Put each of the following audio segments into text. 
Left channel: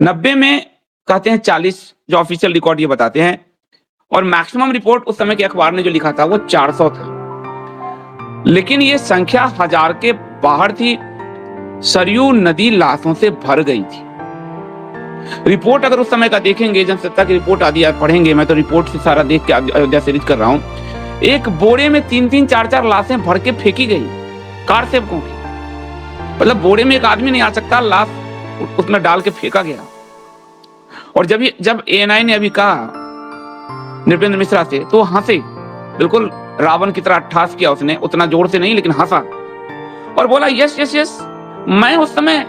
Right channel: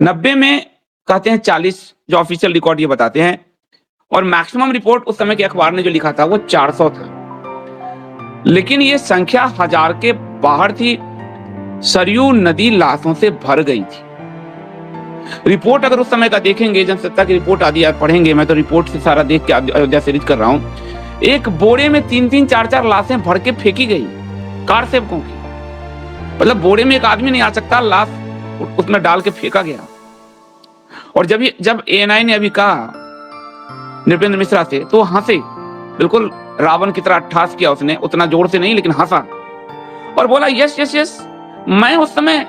90 में कहते हैं 40, जो ऑफिशियल रिकॉर्ड ये बताते हैं, और मैक्सिमम रिपोर्ट उस समय के अखबार ने जो लिखा था वो 400 था। लेकिन ये संख्या 1000 के बाहर थी। सरयू नदी लाशों से भर गई थी। रिपोर्ट अगर उस समय का देखेंगे, जनसत्ता की रिपोर्ट आदि आप पढ़ेंगे, मैं तो रिपोर्ट से सारा देख के अयोध्या से रीड कर रहा हूं। एक बोरे में 3-3, 4-4 लाशें भर के फेंकी गई कार से। मतलब बोरे में एक आदमी नहीं आ सकता, लाश उसमें डाल के फेंका गया। और जब ANI ने अभी कहा नृपेंद्र मिश्रा से, तो हंसे, बिल्कुल रावण की तरह ठास किया उसने, उतना जोर से नहीं लेकिन हंसा और बोला यस यस यस, मैं उस समय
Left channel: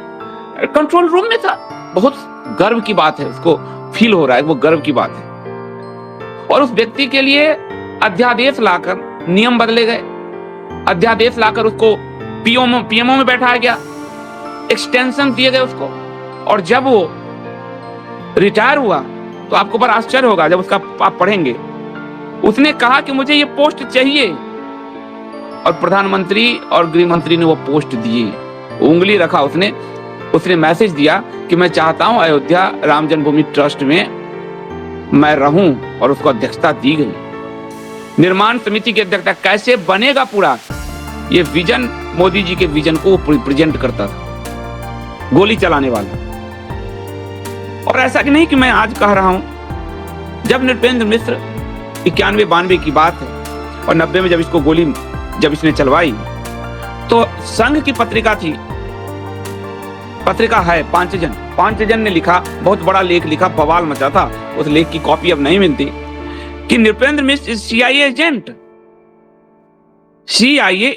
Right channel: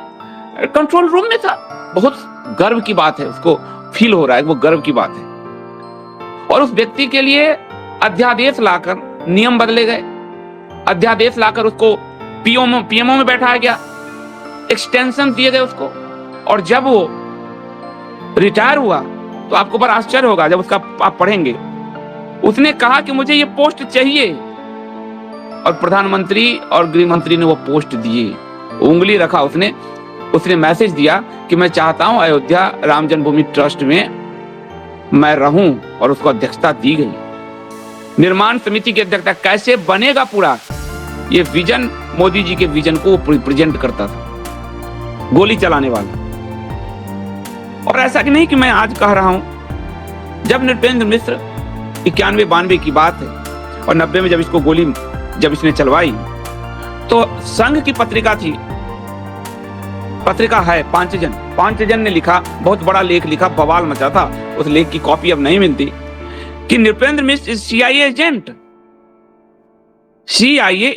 कंट्रोल रूम में था। बहुत गर्व की बात है, उसको फील हो रहा है, वो गर्व की बात है। और उस व्यक्ति के लिए अध्यादेश लाकर नियम बदले गए, अध्यादेश लाकर उसको PMO में बैठाया गया, एक्सटेंशन दिए गए उसको। और जब वो रिटायर हुआ तो आपको बड़ा आश्चर्य होगा जब उसका आप पढ़ेंगे, उसने कहा कि मुझे ये पोस्ट चाहिए, और प्रधानमंत्री और गृह मंत्री ने वो पोस्ट दिए। उंगली रखा उसने मैसेज दिया कि मैं चाहता हूं अयोध्या राम जन्मभूमि ट्रस्ट में मैं रहूं, और उसको अध्यक्षता दी गई। निर्माण समिति के अध्यक्ष कैसे बनेगा पूरा ये विजन, मोदी जी के विजन को प्रेजेंट करता था, गोली चलाने वाला। और ऐसा कि नहीं कि मैं आज कह रहा हूं, जब नृपेंद्र मिश्र 91-92 की बात है, और 90 में जब इसने चलवाई, तो संघ की पत्रिका थी, पत्रिका है पांचजन ने लिखा, बहुत बड़ा लेख लिखा, बवाल मचा था। उस लेख की कॉपी अब नहीं मिलती, कि नृपेंद्र मिश्र CIA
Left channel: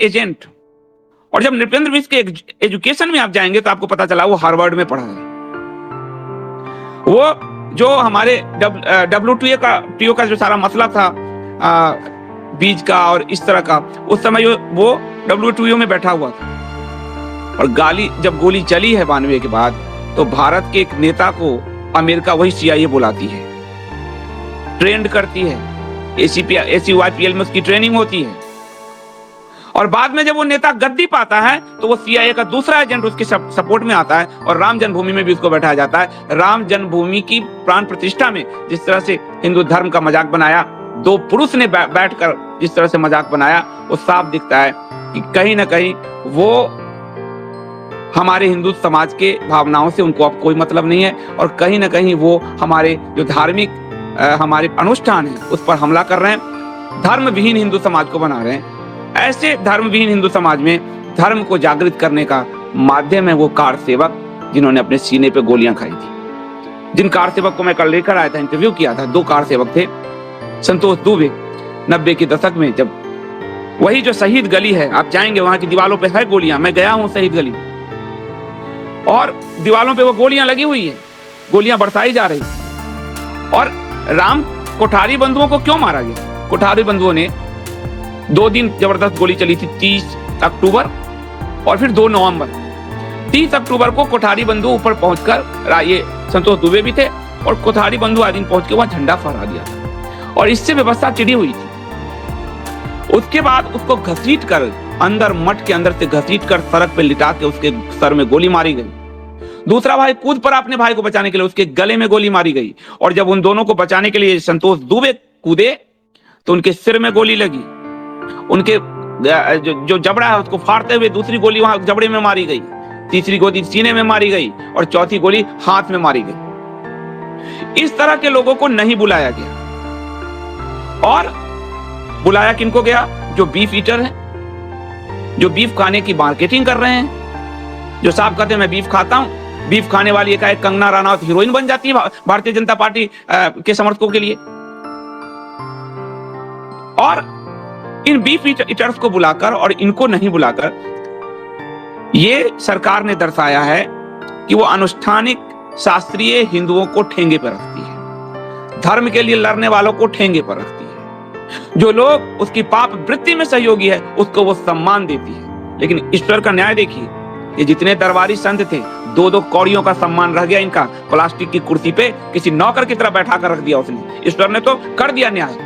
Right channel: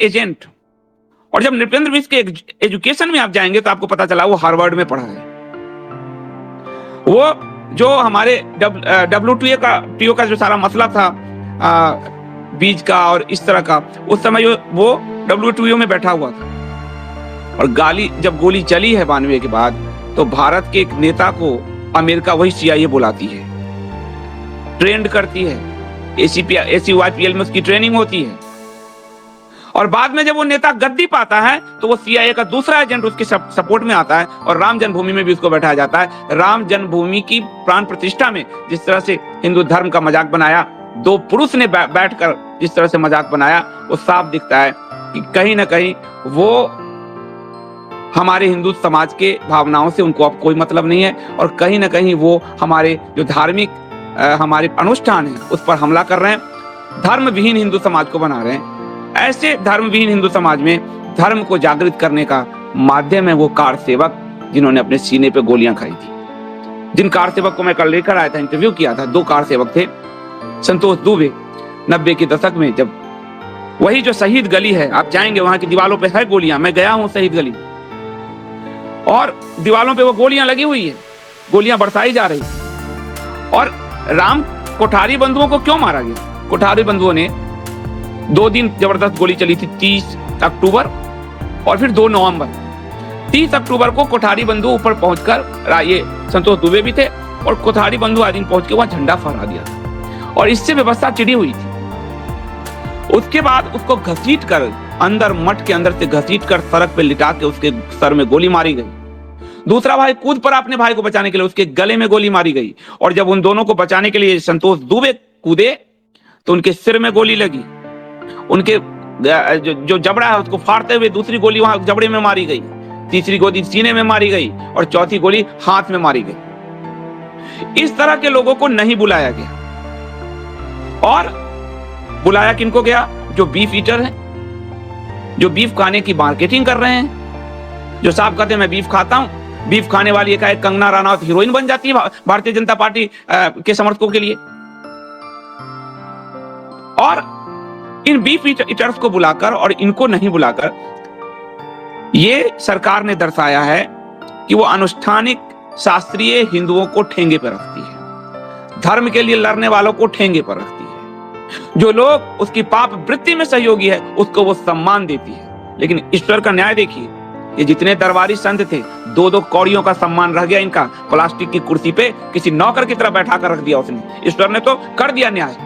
एजेंट। और जब नृपेंद्र मिश्र के एजुकेशन में आप जाएंगे तो आपको पता चला वो हार्वर्ड में पढ़ा है। वो जो हमारे WTO का जो सारा मसला था, बीज का और इस तरह का, उस समय वो WTO में बैठा हुआ था। और जब गोली चली है 92 के बाद, तो भारत के एक नेता को अमेरिका वही CIA बुलाती है, ट्रेंड करती है, ACYPL में उसकी ट्रेनिंग होती है। और बाद में जब वो नेता गद्दी पाता है तो वो CIA का दूसरा एजेंट उसकी सपोर्ट में आता है, और राम जन्मभूमि में भी उसको बैठाया जाता है। राम जन्मभूमि की प्राण प्रतिष्ठा में जिस तरह से हिंदू धर्म का मजाक बनाया, दो पुरुष ने बैठकर जिस तरह से मजाक बनाया, वो साफ दिखता है कि कहीं ना कहीं वो हमारे हिंदू समाज के भावनाओं से उनको कोई मतलब नहीं है, और कहीं ना कहीं वो हमारे जो धार्मिक हमारे अनुष्ठान है उस पर हमला कर रहे हैं, धर्म विहीन हिंदू समाज को बना रहे हैं। ऐसे धर्म विहीन हिंदू समाज में धर्म को जागृत करने का माध्यम है वो कार सेवक जिन्होंने अपने सीने पे गोलियां खाई थी। जिन कार सेवक को मैं कल लेकर आया था, इंटरव्यू किया था, 2 कार सेवक थे। संतोष दुबे 90 के दशक में, जब वही जो शहीद गली है, आप जाएंगे वहां की दीवारों पे है गोलियां, मैं गया हूं शहीद गली, और दीवारों पे वो गोलियां लगी हुई है, गोलियां बरसाई जा रही। और राम कोठारी बंधुओं को क्यों मारा? कोठारी बंधुओं ने 2 दिन जबरदस्त गोली चली थी, 30 अक्टूबर और फिर 2 नवंबर। 30 अक्टूबर को कोठारी बंधु ऊपर पहुंचकर, ये संतोष दुबे भी थे, और कोठारी बंधु आज दिन पहुंच के वहां झंडा फहरा दिया था, और इससे व्यवस्था चिड़ी हुई थी। उसके बाद उसको घसीट कर अंदर, मठ के अंदर से घसीट कर सड़क पे लिटा के उसके सर में गोली मारी गई। दूसरा भाई कूद पड़ा अपने भाई को बचाने के लिए, उसके गले में गोली मारी गई। और जब उन दोनों को बचाने के लिए संतोष दुबे कूदे तो उनके सिर में गोली लगी, उनके जो जबड़ा है उसको फाड़ते हुए दूसरी गोली वहां जबड़े में मारी गई, तीसरी गोली सीने में मारी गई, और चौथी गोली हाथ में मारी गई। इस तरह के लोगों को नहीं बुलाया गया, और बुलाया किनको गया? जो बीफ ईटर है, जो बीफ खाने की मार्केटिंग कर रहे हैं, जो साहब कहते हैं मैं बीफ खाता हूं। बीफ खाने वाली एकाएक कंगना रनौत हीरोइन बन जाती है भारतीय जनता पार्टी के समर्थकों के लिए। और इन बीफ ईटर्स को बुलाकर और इनको नहीं बुलाकर ये सरकार ने दर्शाया है कि वो अनुष्ठानिक शास्त्रीय हिंदुओं को ठेंगे पर रखती है, धर्म के लिए लड़ने वालों को ठेंगे पर रखती है, जो लोग उसकी पाप वृत्ति में सहयोगी है उसको वो सम्मान देती है। लेकिन ईश्वर का न्याय देखिए कि जितने दरबारी संत थे, 2-2 कौड़ियों का सम्मान रह गया इनका, प्लास्टिक की कुर्सी पे किसी नौकर की तरह बैठा कर रख दिया उसने। ईश्वर ने तो कर दिया न्याय।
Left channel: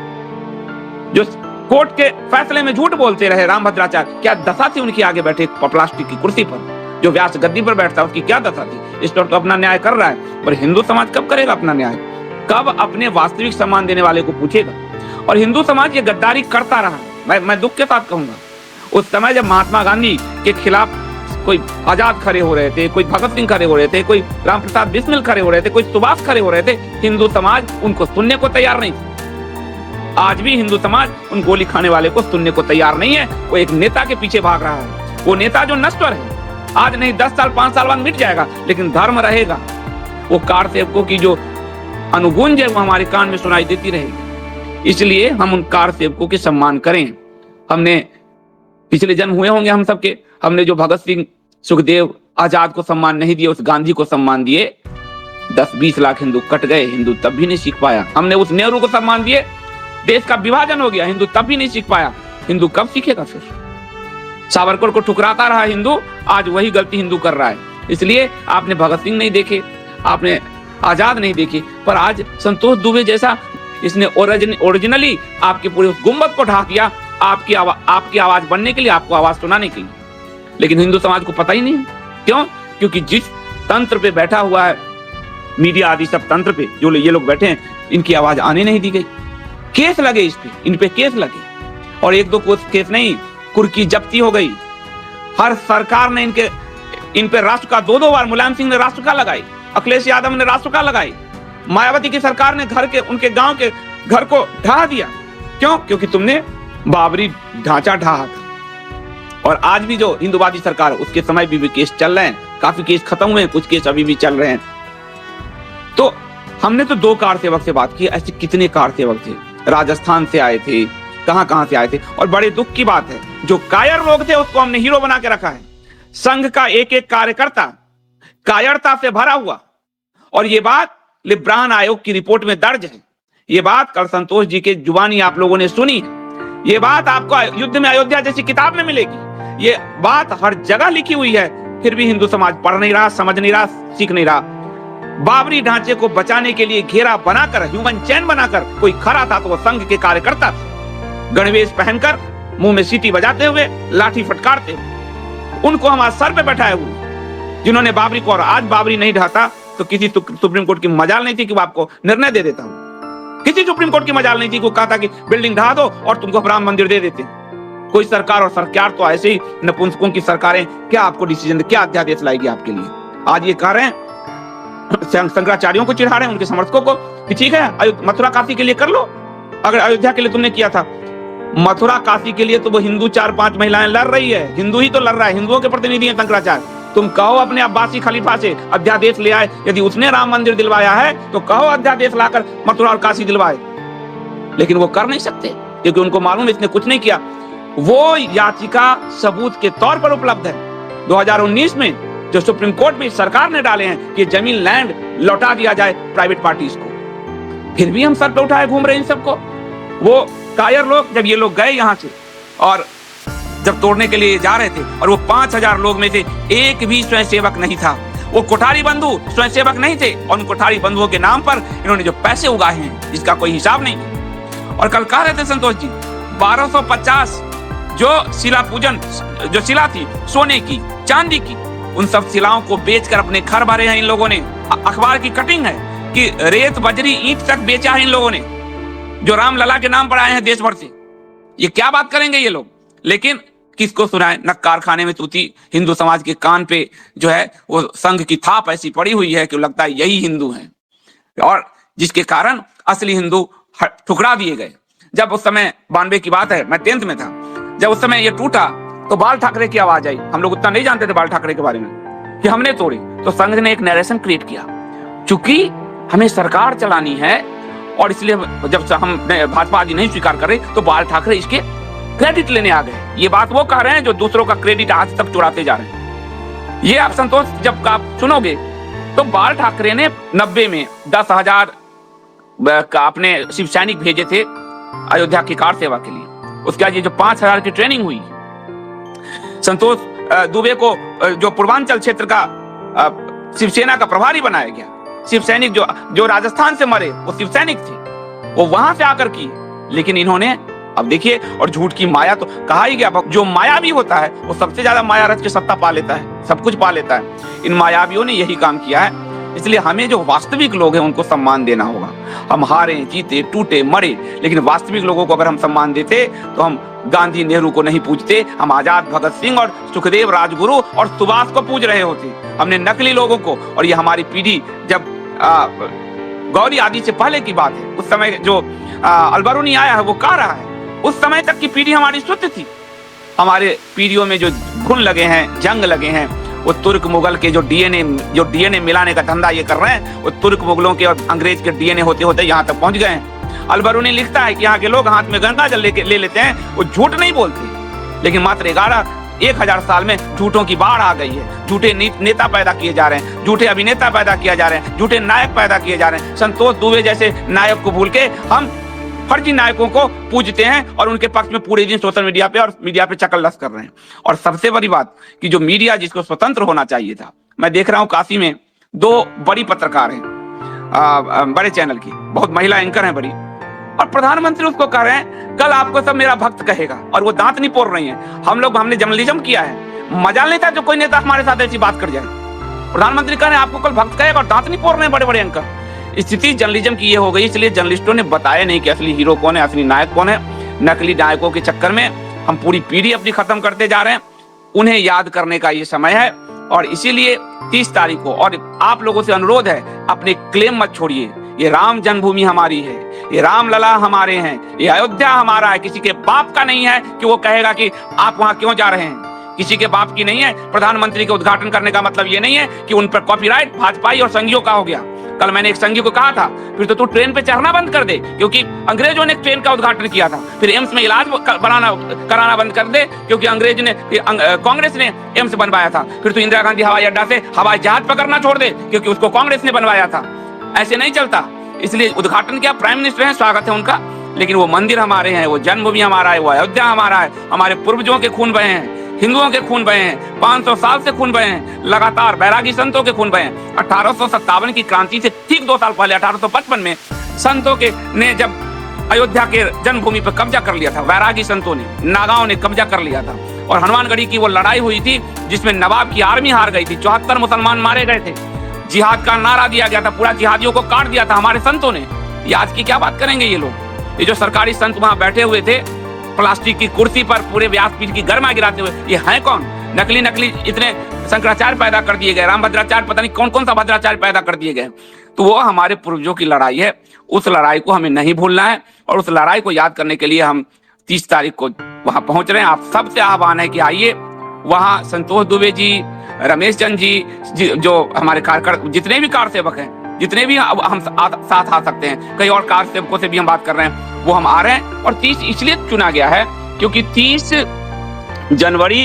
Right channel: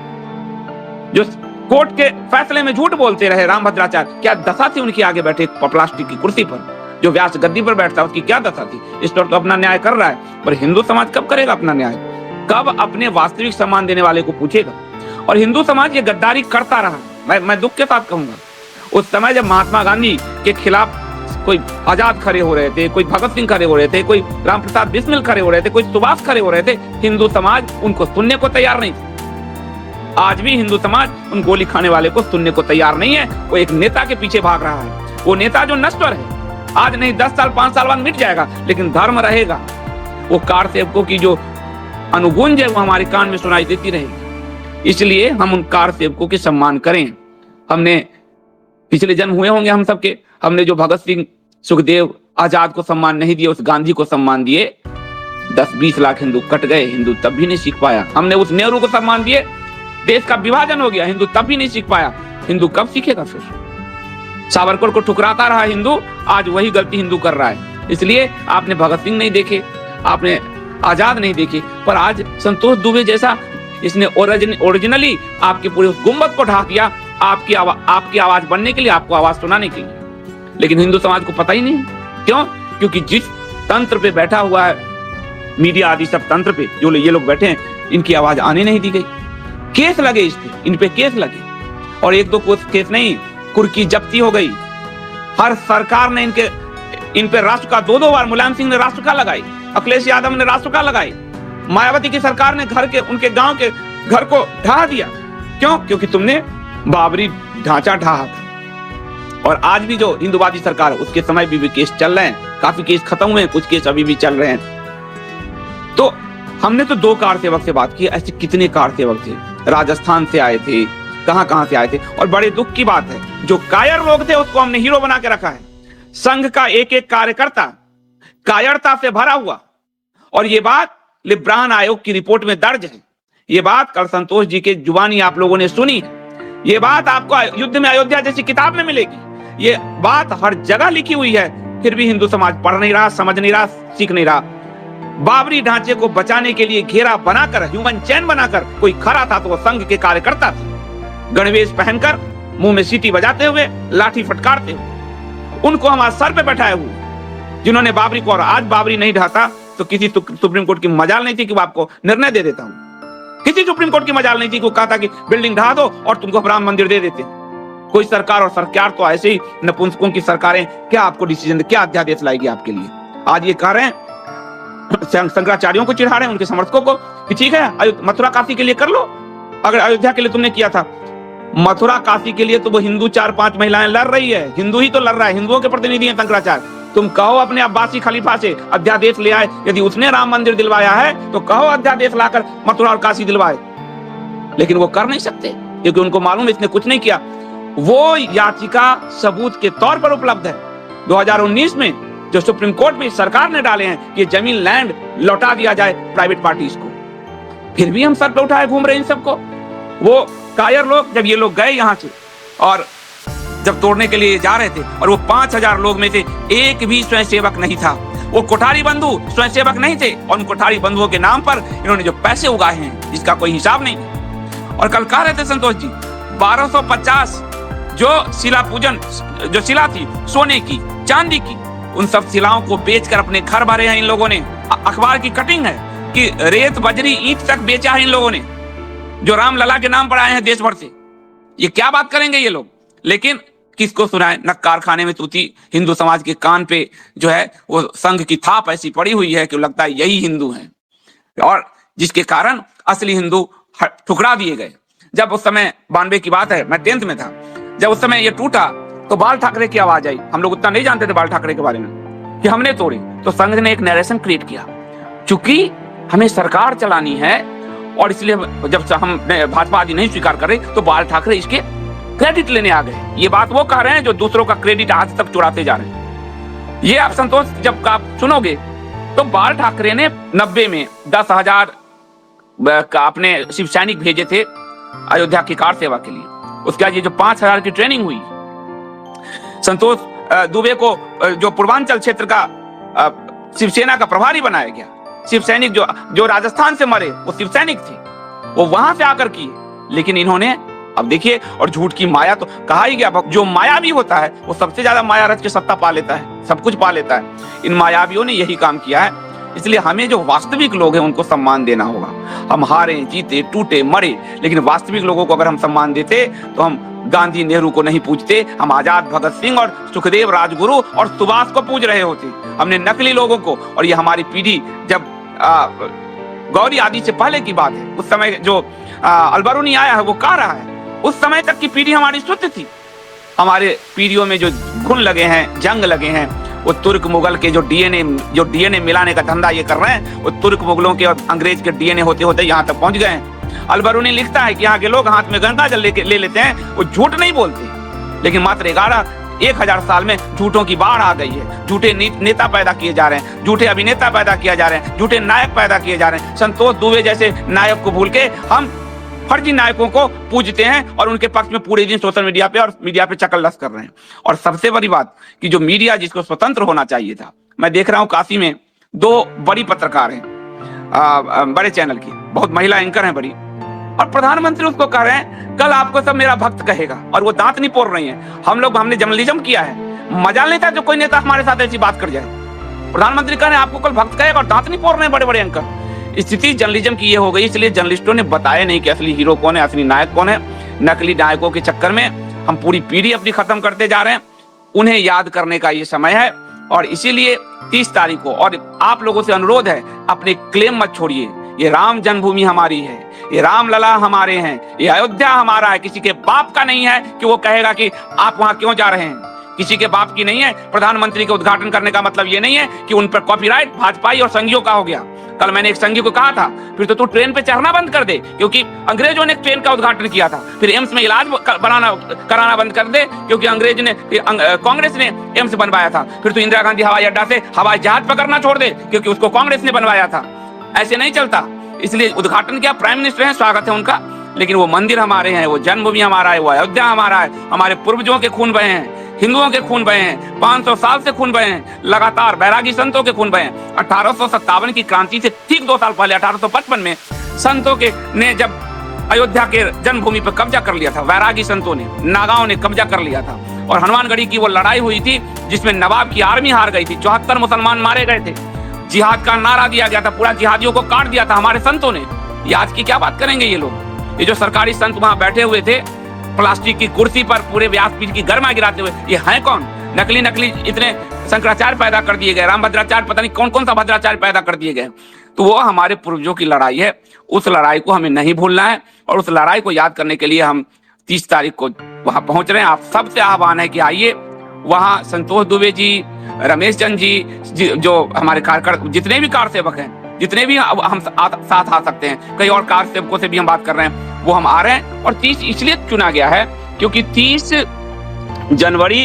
जो कोर्ट के फैसले में झूठ बोलते रहे रामभद्राचार्य, क्या दशा थी उनकी आगे बैठे प्लास्टिक की कुर्सी पर, जो व्यास गद्दी पर बैठता उसकी क्या दशा थी। इस पर तो अपना न्याय कर रहा है, पर हिंदू समाज कब करेगा अपना न्याय? कब अपने वास्तविक सम्मान देने वाले को पूछेगा? और हिंदू समाज ये गद्दारी करता रहा। मैं दुख के साथ कहूंगा, उस समय जब महात्मा गांधी के खिलाफ कोई आजाद खड़े हो रहे थे, कोई भगत सिंह खड़े हो रहे थे, कोई राम प्रसाद बिस्मिल खड़े हो रहे थे, कोई सुभाष खड़े हो रहे थे, हिंदू समाज उनको सुनने को तैयार नहीं था। आज भी हिंदू समाज उन गोली खाने वाले को सुनने को तैयार नहीं है। वो एक नेता के पीछे भाग रहा है, वो नेता जो नश्वर है, आज नहीं 10 साल 5 साल बाद मिट जाएगा, लेकिन धर्म रहेगा। वो कार सेवकों की जो अनुगुंज है वो हमारे कान में सुनाई देती रहेगी। इसलिए हम उन कार सेवकों के सम्मान करें। हमने पिछले जन्म हुए होंगे हम सबके, हमने जो भगत सिंह, सुखदेव, आजाद को सम्मान नहीं दिए, उस गांधी को सम्मान दिए, 10-20 लाख हिंदू कट गए, हिंदू तब भी नहीं सीख पाया। हमने उस नेहरू को सम्मान दिए, देश का विभाजन हो गया, हिंदू तब भी नहीं सीख पाया। हिंदू कब सीखेगा? फिर सावरकर को ठुकराता रहा हिंदू, आज वही गलती हिंदू कर रहा है। इसलिए आपने भगत सिंह नहीं देखे, आपने आजाद नहीं देखे, पर आज संतोष दुबे जैसा इसने ओरिजिनली आपके पूरे गुंबद को ढाक दिया, आपकी आवाज बनने के लिए, आपको आवाज सुनाने के लिए। लेकिन हिंदू समाज को पता ही नहीं। क्यों? क्योंकि जिस तंत्र पे बैठा हुआ है, मीडिया आदि सब तंत्र पे जो ये लोग बैठे हैं, इनकी आवाज आने नहीं दी गई। केस लगे इस पे, इन पे केस लगे, और 1-2 केस नहीं, कुर्की जब्ती हो गई। हर सरकार ने इन पे राष्ट्र 2 बार मुलायम सिंह ने राष्ट्र लगाई, अखिलेश यादव ने राष्ट्र लगाई, मायावती की सरकार ने उनके गांव के घर को ढा दिया। क्यों? क्योंकि तुमने बाबरी ढांचा ढा। और आज भी जो हिंदुवादी सरकार है, उसके समय भी केस चल रहे हैं, काफी केस खत्म हुए हैं, कुछ केस अभी भी चल रहे हैं। तो हमने तो 2 कार सेवक से बात की, ऐसे कितने कार सेवक थे, राजस्थान से आए थे, कहां से आए थे। और बड़े दुख की बात है, जो कायर लोग थे उसको हमने हीरो बना के रखा है। संघ का एक कार्यकर्ता कायरता से भरा हुआ, और ये बात लिब्रान आयोग की रिपोर्ट में दर्ज है। ये बात कल संतोष जी के जुबानी आप लोगों ने सुनी। ये बात आपको युद्ध में अयोध्या जैसी किताब में मिलेगी। ये बात हर जगह लिखी हुई है, फिर भी हिंदू समाज पढ़ नहीं रहा, समझ नहीं रहा, सीख नहीं रहा। बाबरी ढांचे को बचाने के लिए घेरा बनाकर, ह्यूमन चेन बनाकर कोई खड़ा था तो वह संघ के कार्यकर्ता थे, गणवेश पहनकर, मुंह में सीटी बजाते हुए, लाठी फटकारते हुए। उनको हमारे सर पे बैठाए हुए, जिन्होंने बाबरी को, और आज बाबरी नहीं ढाता तो किसी सुप्रीम कोर्ट की मजाल नहीं थी कि मैं आपको निर्णय दे देता हूँ। किसी सुप्रीम कोर्ट की मजाल नहीं थी कि कहा था कि बिल्डिंग ढा दो और तुमको राम मंदिर दे देते। कोई सरकार, और सरकार तो ऐसे ही नपुंसकों की सरकारें, क्या आपको डिसीजन, क्या अध्यादेश लाएगी आपके लिए? आज ये कह रहे हैं, शंकराचार्यों को चिढ़ा रहे हैं, उनके समर्थकों को, कि ठीक है मथुरा काशी के लिए कर लो। अगर अयोध्या के लिए तुमने किया था, मथुरा काशी के लिए तो वो हिंदू 4-5 महिलाएं लड़ रही है, हिंदू ही तो लड़ रहा है, हिंदुओं के प्रतिनिधि है शंकराचार्य। तुम कहो अपने अब्बासी खलीफा से अध्यादेश ले आए, यदि उसने राम मंदिर दिलवाया है तो कहो अध्यादेश लाकर मथुरा और काशी दिलवाए। लेकिन वो कर नहीं सकते, क्योंकि उनको मालूम इसने कुछ नहीं किया। वो याचिका सबूत के तौर पर उपलब्ध है। 2019 में जो सुप्रीम कोर्ट में सरकार ने डाले हैं कि जमीन लैंड लौटा दिया जाए प्राइवेट पार्टीज को, फिर भी अवसर पे उठाए घूम रहे हैं सबको। वो कायर लोग, जब ये लोग गए यहाँ से और जब तोड़ने के लिए जा रहे थे, और वो 5000 लोग में से एक भी स्वयंसेवक नहीं था, वो कोठारी बंधु स्वयंसेवक नहीं थे, और उन कोठारी बंधुओं के नाम पर इन्होंने जो पैसे उगाए हैं इसका कोई हिसाब नहीं है। और कल कह रहे थे संतोष जी, 1250 जो शिला पूजन, जो शिला थी सोने की, चांदी की, उन सब शिलाओं को बेचकर अपने घर भरे हैं इन लोगों ने। अखबार की कटिंग है कि रेत, बजरी, ईंट तक बेचा है इन लोगों ने, जो रामलला के नाम पर आए हैं देश भर से। ये क्या बात करेंगे ये लोग? लेकिन किसको सुनाए? न कारखाने में तूती। हिंदू समाज के कान पे जो है वो संघ की थाप ऐसी पड़ी हुई है कि लगता है यही हिंदू हैं, और जिसके कारण असली हिंदू ठुकरा दिए गए। जब उस समय 92 की बात है, मैं 10th में था, जब उस समय ये टूटा तो बाल ठाकरे की आवाज आई। हम लोग उतना नहीं जानते थे बाल ठाकरे के बारे में कि हमने तोड़ी, तो संघ ने एक नरेशन क्रिएट किया। चूंकि हमें सरकार चलानी है और इसलिए जब हम भाजपा आदि नहीं स्वीकार कर रहे तो बाल ठाकरे इसके क्रेडिट लेने आ गए। ये बात वो कह रहे हैं जो दूसरों का क्रेडिट आज तक चुराते जा रहे हैं। ये आप संतोष जब आप सुनोगे तो बाल ठाकरे ने 90 में 10,000 का अपने शिव सैनिक भेजे थे अयोध्या की कार सेवा के लिए। उसके बाद ये जो 5,000 की ट्रेनिंग हुई, संतोष दुबे को जो पूर्वांचल क्षेत्र का शिवसेना का प्रभारी बनाया गया। शिव सैनिक जो राजस्थान से मरे वो शिव सैनिक थे, वो वहां से आकर की। लेकिन इन्होंने अब देखिए, और झूठ की माया तो कहा ही गया, जो मायावी होता है वो सबसे ज्यादा माया रच के सत्ता पा लेता है, सब कुछ पा लेता है। इन मायावियों ने यही काम किया है। इसलिए हमें जो वास्तविक लोग हैं उनको सम्मान देना होगा। हम हारे, जीते, टूटे, मरे, लेकिन वास्तविक लोगों को अगर हम सम्मान देते तो हम गांधी, नेहरू को नहीं पूजते, हम आजाद, भगत सिंह और सुखदेव, राजगुरु और सुभाष को पूज रहे होते। हमने नकली लोगों को, और ये हमारी पीढ़ी जब गौरी आदि से पहले की बात है, उस समय जो अलबरूनी आया है वो कह रहा है, उस समय तक की पीढ़ी हमारी शुद्ध थी। हमारे पीढ़ियों में जो खून लगे हैं, जंग लगे हैं, वो तुर्क मुगल के जो डीएनए मिलाने का धंधा ये कर रहे हैं, वो तुर्क मुगलों के और अंग्रेज के डीएनए होते होते यहाँ तक पहुंच गए हैं। अलबरूनी लिखता है कि यहाँ के लोग हाथ में गंगा जल ले लेते हैं, वो झूठ नहीं बोलते, लेकिन मात्र 1000 साल में झूठों की बाढ़ आ गई है। झूठे नेता पैदा किए जा रहे हैं, झूठे अभिनेता पैदा किया जा रहे हैं, झूठे नायक पैदा किए जा रहे हैं। संतोष दुबे जैसे नायक को भूल के हम फर्जी नायकों को पूजते हैं और उनके पक्ष में पूरे दिन सोशल मीडिया पे और मीडिया पे चकलस कर रहे हैं। और सबसे बड़ी बात कि जो मीडिया जिसको स्वतंत्र होना चाहिए था, मैं देख रहा हूँ काशी में 2 बड़ी पत्रकार हैं, बड़े चैनल की, बहुत महिला एंकर हैं बड़ी, और प्रधानमंत्री उसको कह रहे हैं कल आपको सब मेरा भक्त कहेगा, और वो दांत नहीं पोड़ रही है। हमने जर्नलिज्म किया है, मजा लेता है जो कोई नेता हमारे साथ ऐसी बात कर जाए। प्रधानमंत्री कह रहे हैं आपको कल भक्त कहेगा और दांत नहीं पोड़ रहे हैं बड़े बड़े एंकर। स्थिति जर्नलिज्म की ये हो गई, इसलिए जर्नलिस्टों ने बताया नहीं कि असली हीरो कौन है, असली नायक कौन है। नकली नायकों के चक्कर में हम पूरी पीढ़ी अपनी खत्म करते जा रहे हैं। उन्हें याद करने का ये समय है, और इसीलिए 30 तारीख को, और आप लोगों से अनुरोध है, अपने क्लेम मत छोड़िए। ये राम जन्मभूमि हमारी है, ये रामलला हमारे हैं, ये अयोध्या हमारा है। किसी के बाप का नहीं है कि वो कहेगा कि आप वहां क्यों जा रहे हैं। किसी के बाप की नहीं है। प्रधानमंत्री के उद्घाटन करने का मतलब ये नहीं है कि उन पर कॉपीराइट भाजपाई और संघियों का हो गया। कल मैंने एक संघी को कहा था, फिर तो तू ट्रेन पे चढ़ना बंद कर दे, क्योंकि अंग्रेजों ने ट्रेन का उद्घाटन किया था। फिर एम्स में इलाज कराना बंद कर दे, क्योंकि कांग्रेस ने एम्स बनवाया था। फिर तू इंदिरा गांधी हवाई अड्डा से हवाई जहाज पकड़ना छोड़ दे, क्योंकि उसको कांग्रेस ने बनवाया था। ऐसे नहीं चलता। इसलिए उद्घाटन किया, प्राइम मिनिस्टर है, स्वागत है उनका, लेकिन वो मंदिर हमारे हैं, वो जन्मभूमि हमारा है, वो अयोध्या हमारा है। हमारे पूर्वजों के खून बहे हैं, हिंदुओं के खून बहे हैं, 500 साल से खून बहे हैं, लगातार बैरागी संतों के खून बहे हैं। 1857 की क्रांति से ठीक 2 साल पहले 1855 में संतों ने जब अयोध्या के जन्मभूमि पर कब्जा कर लिया था, बैरागी संतों ने, नागाओं ने कब्जा कर लिया था, और हनुमानगढ़ी की वो लड़ाई हुई थी जिसमें नवाब की आर्मी हार गई थी। 74 मुसलमान मारे गए थे, जिहाद का नारा दिया गया था, पूरा जिहादियों को काट दिया था हमारे संतों ने। ये आज की क्या बात करेंगे ये लोग? ये जो सरकारी संत वहां बैठे हुए थे प्लास्टिक की कुर्सी पर पूरे व्यासपीठ की गर्मा गिराते हुए, ये हैं कौन? नकली इतने शंकराचार्य पैदा कर दिए गए, रामभद्राचार्य, पता नहीं कौन सा भद्राचार्य पैदा कर दिए गए। तो वो हमारे पूर्वजों की लड़ाई है, उस लड़ाई को हमें नहीं भूलना है, और उस लड़ाई को याद करने के लिए हम 30 तारीख को वहां पहुंच रहे हैं। आप सबसे आह्वान है कि आइए वहां। संतोष दुबे जी, रमेश चंद जी, जो हमारे जितने भी कार सेवक हैं, जितने भी हम साथ आ सकते हैं, कई और कार सेवकों से भी हम बात कर रहे हैं, वो हम आ रहे हैं। और 30 इसलिए चुना गया है क्योंकि 30 जनवरी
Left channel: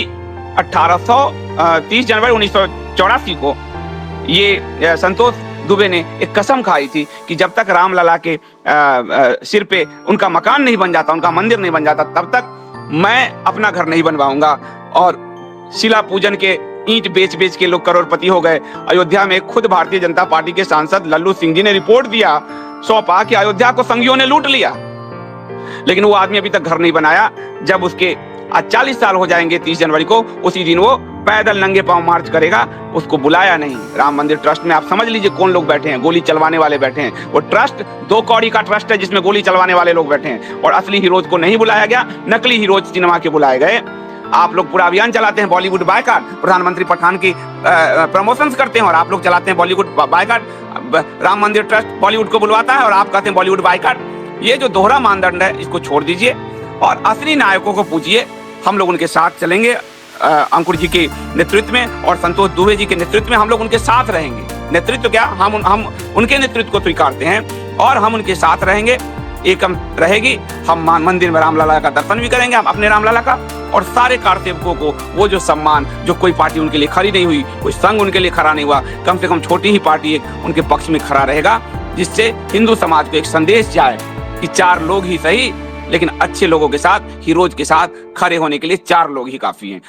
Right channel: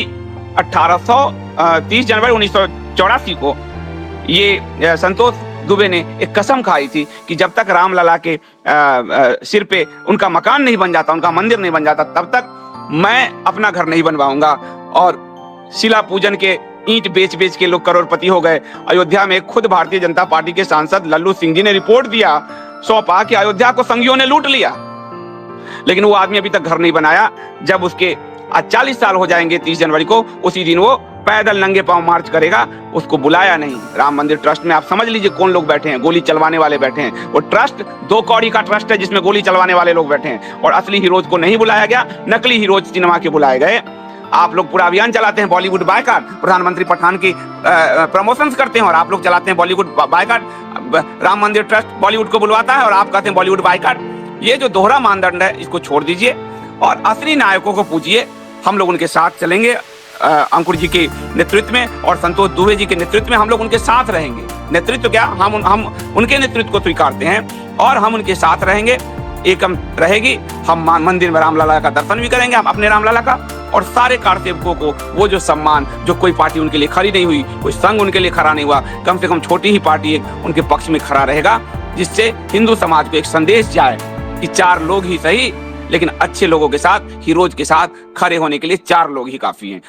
1984 को ये संतोष दुबे ने एक कसम खाई थी कि जब तक रामलला के सिर पे उनका मकान नहीं बन जाता, उनका मंदिर नहीं बन जाता, तब तक मैं अपना घर नहीं बनवाऊंगा। और शिला पूजन के ईंट बेच के लोग करोड़पति हो गए। अयोध्या में खुद भारतीय जनता पार्टी के सांसद लल्लू सिंह जी ने रिपोर्ट दिया, सौंपा कि अयोध्या को संघियों ने लूट लिया, लेकिन वो आदमी अभी तक घर नहीं बनाया। जब उसके 40 साल हो जाएंगे 30 जनवरी को, उसी दिन वो पैदल नंगे पांव मार्च करेगा। उसको बुलाया नहीं। राम मंदिर ट्रस्ट में आप समझ लीजिए कौन लोग बैठे हैं, गोली चलवाने वाले बैठे हैं। वो ट्रस्ट 2 कौड़ी का ट्रस्ट है जिसमें गोली चलवाने वाले लोग बैठे हैं, और असली हीरोज को नहीं बुलाया गया, नकली हीरोज सिनेमा के बुलाए गए। आप लोग पूरा अभियान चलाते हैं बॉलीवुड बायकॉट, प्रधानमंत्री पठान की प्रमोशंस करते हैं, और आप लोग चलाते हैं बॉलीवुड बायकॉट। राम मंदिर ट्रस्ट बॉलीवुड को बुलवाता है और आप कहते हैं बॉलीवुड बायकॉट। ये जो दोहरा मानदंड है इसको छोड़ दीजिए और असली नायकों को पूजिए। हम लोग उनके साथ चलेंगे, अंकुर जी के नेतृत्व में और संतोष दुबे जी के नेतृत्व में हम लोग उनके साथ रहेंगे। नेतृत्व क्या, हम उनके नेतृत्व को स्वीकारते हैं और हम उनके साथ रहेंगे। एकम रहेगी। हम मंदिर में रामलला का दर्शन भी करेंगे, हम अपने रामलला का, और सारे कार्तिकों को वो जो सम्मान, जो कोई पार्टी उनके लिए खड़ी नहीं हुई, कोई संघ उनके लिए खड़ा नहीं हुआ, कम से कम छोटी ही पार्टी है उनके पक्ष में खड़ा रहेगा, जिससे हिंदू समाज को एक संदेश जाए कि 4 लोग ही सही, लेकिन अच्छे लोगों के साथ, हीरोज के साथ खड़े होने के लिए 4 लोग ही काफी हैं।